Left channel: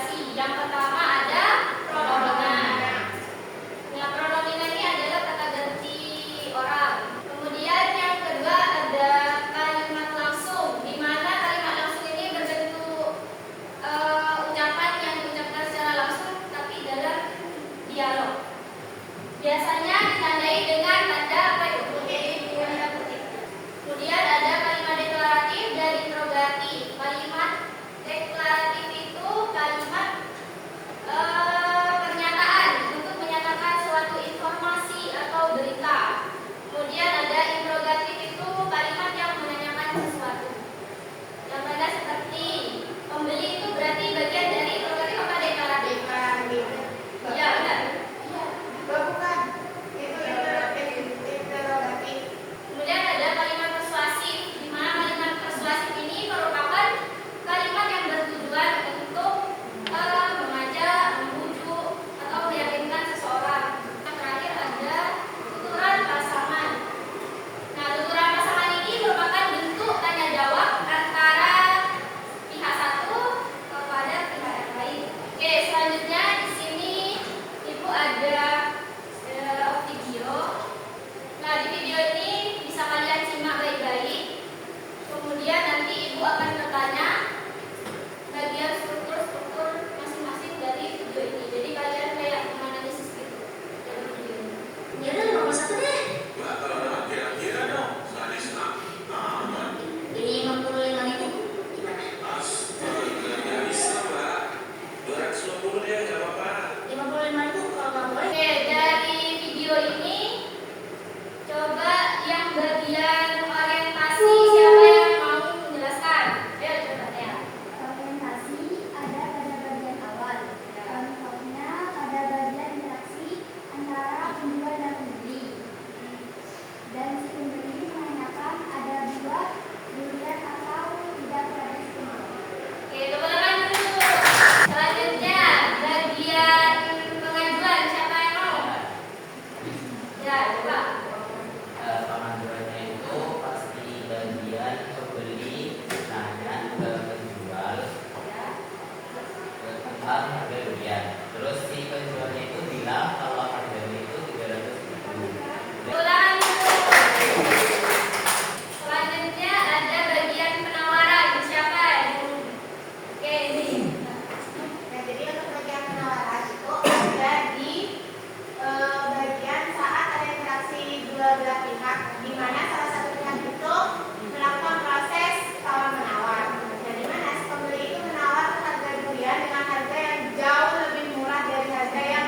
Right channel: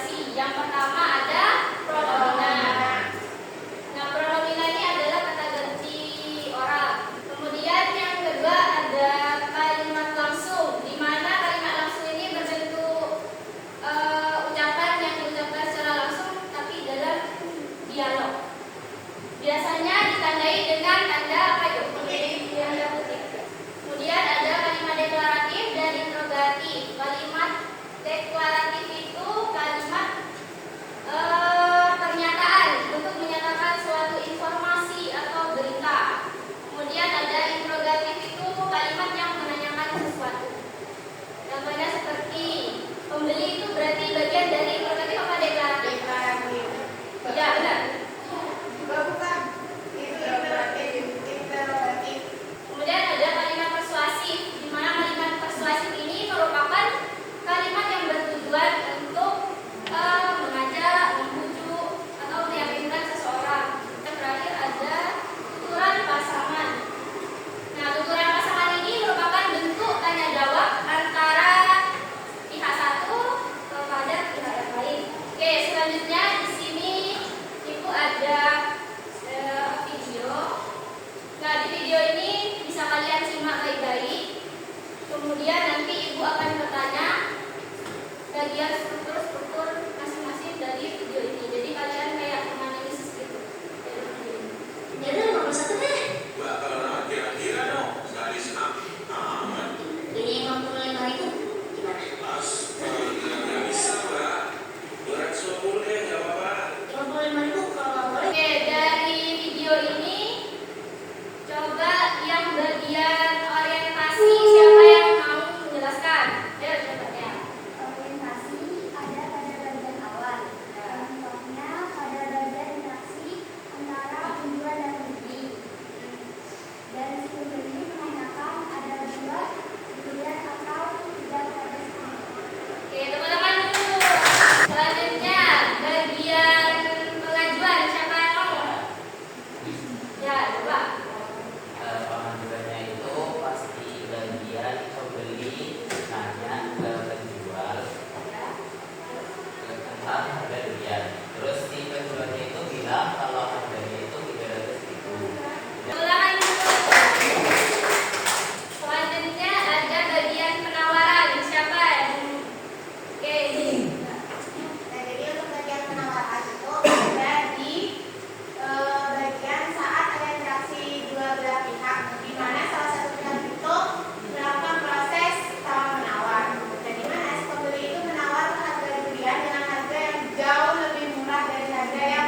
negosiasi. Yang pertama ada pronomina. Nah, pronomina ini adalah kata ganti orang. Kemudian yang kedua ada kalimat langsung, di mana kalimat langsung ini berbentuk ucapan yang diucapkan secara langsung tapi dalam dialog. Biasanya ditandai dengan tanda apa itu? Tanda petik. Kemudian ada kalimat deklaratif dan interrogatif. Kalimat deklaratif itu kalimat pernyataan untuk menyatakan suatu informasi atau berita. Kemudian ada interrogatif itu kalimat yang menanyakan sesuatu. Yang mana seperti pembeli itu berarti bagian dari interrogatif apa deklaratif? Deklaratif. Ya, benar. Bukan. Itu interrogatif. Kemudian ada kalimat persuasif, di mana kalimat persuasif ini merupakan kalimat yang bertujuan untuk mengajak, membujuk, atau meyakinkan seseorang. Yang terakhir ada tuturan pasangan. Nah, tuturan pasangan ini merupakan bentuk tanya jawab antara pihak satu kepada pihak yang lain. Oke, selanjutnya di sini Ibu ada video. Nah, di video ini bisa kalian simak baik-baik. Kemudian nanti Ibu akan bertanya bagian struktur masing-masing dari video ini. Jadi kalian kayak menganalisis gitu dari video ini. Ya udah 51 deh. Mbak, kalau nama kira-kira dong, sekali senang aman. Ini 55.000 gimana? Pas, nggak bisa Mbak. Berat sumur deh, nggak apa-apa. 55.000 kalau nggak boleh. Oke, dari video ini coba yang bagian orientasi siapa yang mau menjelaskan? Ayo coba ya. Orientasi ada pada bagian awal. Contohnya pada bagian interaksi antara pembeli dan pembeli. Dan si pembeli menanyakan ada dua pilihan atau tidak pada si pembeli. Oke, teman-teman dulu. Selanjutnya bagian pengajuan siapa yang mau? Ya, coba. Pengajuannya itu pasti bagian pembeli nanya ke penjual tentang harga durian. Terus si penjualnya itu bilang kalau harganya itu 300.000. Ulangan dulu. Selanjutnya ada bagian penawaran siapa? Oke, ini. Nah, jadi untuk bagian penawaran itu ada di bagian saat ada interaksi dua belah pihak, di mana salah satu pihak itu melakukan proses tawar menawar. Dan di mana si pembeli itu menawarkan harga durian dengan harga yang jauh lebih murah dari harga yang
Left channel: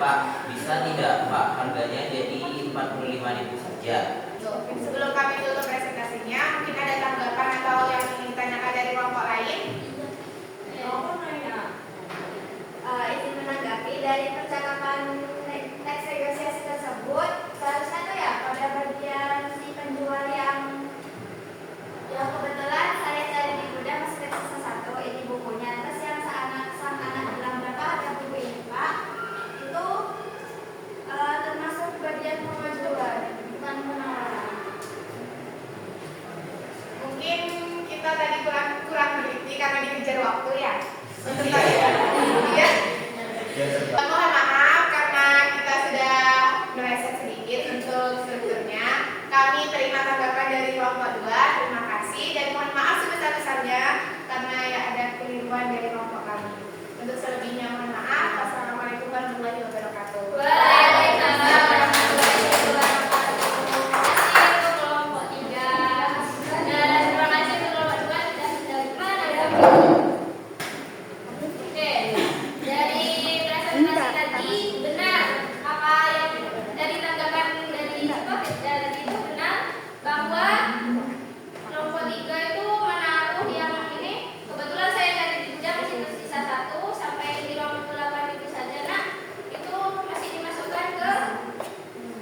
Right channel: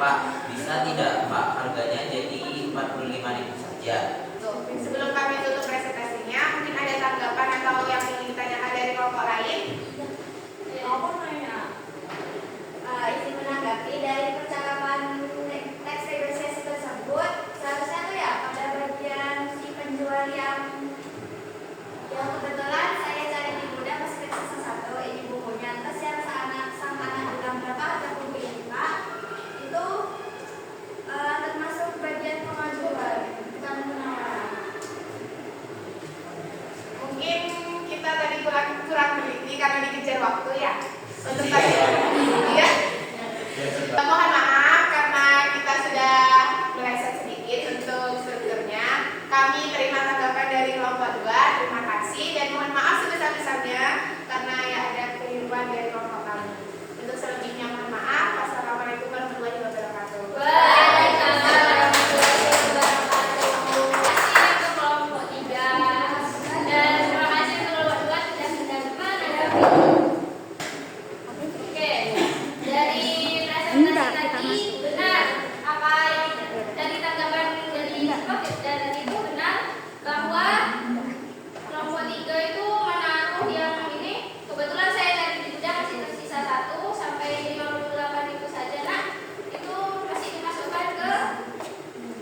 Pak, bisa tidak Pak harganya jadi 45.000 saja? Sebelum kami tutup presentasinya, mungkin ada tanggapan atau yang ingin ditanyakan dari kelompok lain? Izin menanggapi dari percakapan teks negosiasi tersebut, seharusnya tuh ya pada bagian si penjual yang kebetulan saya cari di gudang masih teksnya satu ini bukunya, terus yang sang anak bilang berapa harga buku ini Pak, itu termasuk bagian pengajuan bukan penawaran. Mungkin kita tadi kurang teliti karena dikejar waktu ya. Untuk Iya, tadi, ya. ya. Mohon maaf karena kita sudah meleset sedikit untuk strukturnya. Kami terima tanggapan dari kelompok 2. Terima kasih dan mohon maaf sebesar-besarnya karena ya ada keliruan dari kelompok kami. Untuk selebihnya mohon maaf. Wassalamualaikum warahmatullahi wabarakatuh. Waalaikumsalam warahmatullahi wabarakatuh. Terima kasih untuk kelompok 3 dan terima kasih untuk kelompok 2 sudah mendengarkan. Oke, dari presentasi tadi benar apa yang dari tanggapan dari topik tadi itu benar bahwa kelompok 3 itu menaruh yang ini kebetulan saya dari jejak masih tersisa 1 sampai 58 itu saja nak itu masih dimasukkan ke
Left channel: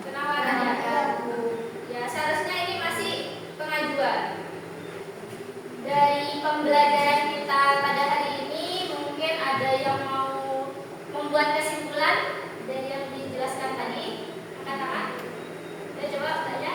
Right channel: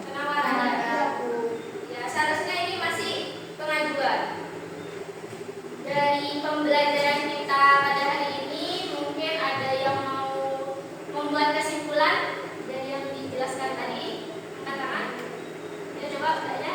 penawaran ya seharusnya ini masih pengajuan. Dari pembelajaran kita pada hari ini mungkin ada yang mau membuat kesimpulan dari yang dijelaskan tadi, angkat tangan. Ya coba bertanya.